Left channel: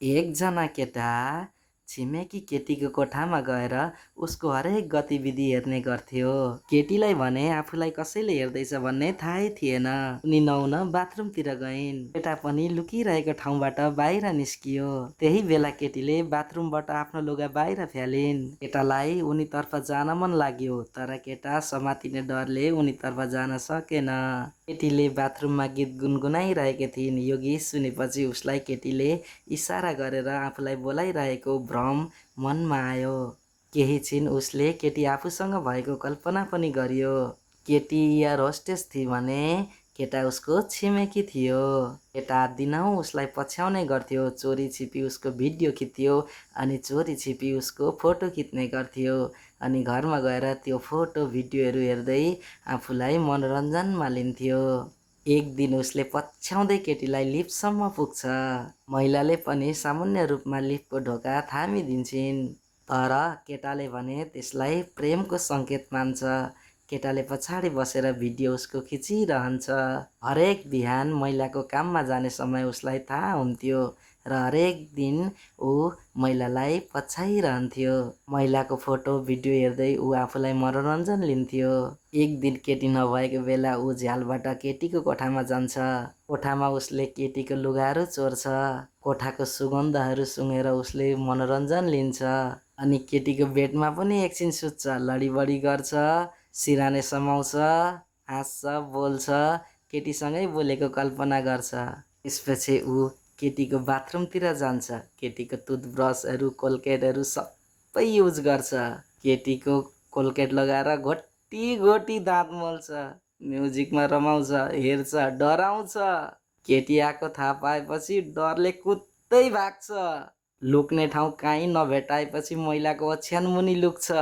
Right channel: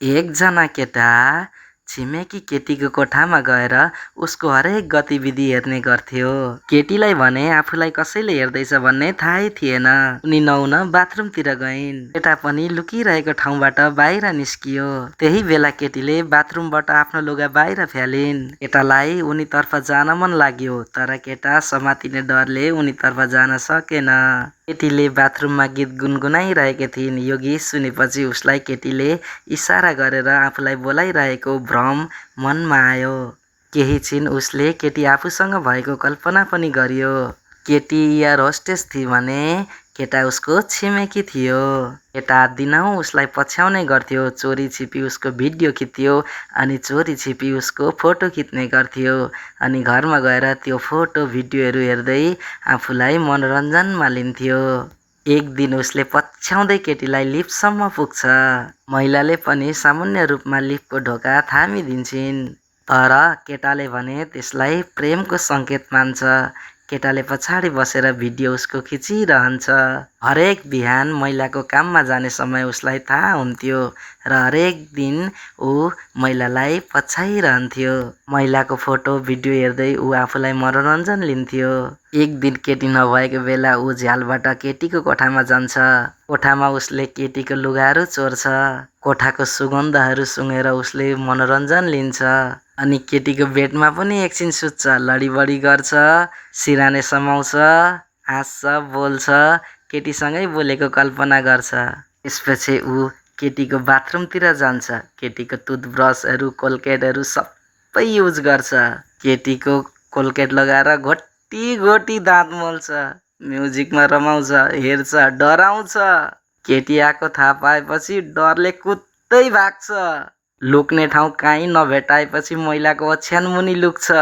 एकजना केटा छिमेकी केटीको कोठामा गएर उसको हरेक गतिविधि हेर्ने गर्थ्यो। केटीलाई भने आफूलाई कसैले हेर्दैछ भन्ने थाहै थिएन। उनी नुहाउन बाथरुमतिर गइन्। केटा पनि लुकिरहेको ठाउँबाट बाहिर निस्कियो। त्यही बेला केटीले बाथरुमबाट आफ्नो लुगा बाहिर फ्यालिन्। केटालाई उनीतर्फ जान मन लाग्यो, तर केटा समातिने डरले उनीतर्फ जान सकेन। केटीले बाथरुममा गीत गुनगुनाइरहेकी थिइन्। यो गीत सुनेपछि उसलाई केटीले इसारा गरेर आफूलाई बोलाइरहेको भ्रम मनमा आयो। केही छिन उसले केटी आफूसँग भएको कल्पना पनि गर्यो। केटी एयर होस्टेस थिई भने केटा उसको छिमेकी थियो। केटा दिनहुँ उसलाई पछ्याउने गर्थ्यो। चोरी छिपी उसको भिडियो खिच्थ्यो अनि चोरी छिपी उसको फोटो खिच्ने गर्थ्यो अनि घरमा गएर त्यो फोटो भिडियोहरू हेर्दै आफूलाई मनोरञ्जनमा लिन्थ्यो। एक दिन उसले पछ्याउँदै केटीलाई लिफ्टसम्म पुग्छ। महिलाले पनि सामान्य रूपमा लिफ्टको ढोका थामिदिन्छन्, तर केटाले भने त्यसलाई प्रेमको सङ्केत मान्छ। केटाले पछाडि बसेर भिडियो उसको खिचिरहन्छ। हरेक बिहान महिलाको काममा जाने समय उसलाई थाहा हुन्थ्यो र हरेक दिन ऊ महिलालाई पछ्याइरहन्थ्यो। महिलाको फोटो भिडियो हेर्दै ऊ आफूलाई मनोरञ्जन लिन्थ्यो। एक दिन केटी नभएको बेला ऊ झ्यालबाट केटीको कोठामा जान्छ। कोठामा उसले केटीको लुगाहरू चोर्छ। कोठाको सुगन्धहरू सुँघेर उसले मनोरञ्जन लिन्छ अनि केटीको बेडमा पनि एकछिन सुत्छ, लडीबडी गर्छ, सिराने समाउँछ, हाँस्छ, बोल्छ, केटीसँगै बोलेको कल्पना गर्छ। त्यसपछि ऊ केटीको बाथरुमतिर जान्छ। केटीको टुथब्रसहरू, कोलगेटहरू सबै युज गर्छ। केटीको कोलगेट लगाएर घोटी घोटी दाँत मोल्छ, म्युजिकमा रमाउँछ, हेर्छ, डराउँछ। केटी आएको थाहा पाएपछि डरले कुद्दै भाग्छ। लुक्ने ठाउँ काहीँ नभेटाएपछि महिलाको ओछ्यानमुनि लुक्छ।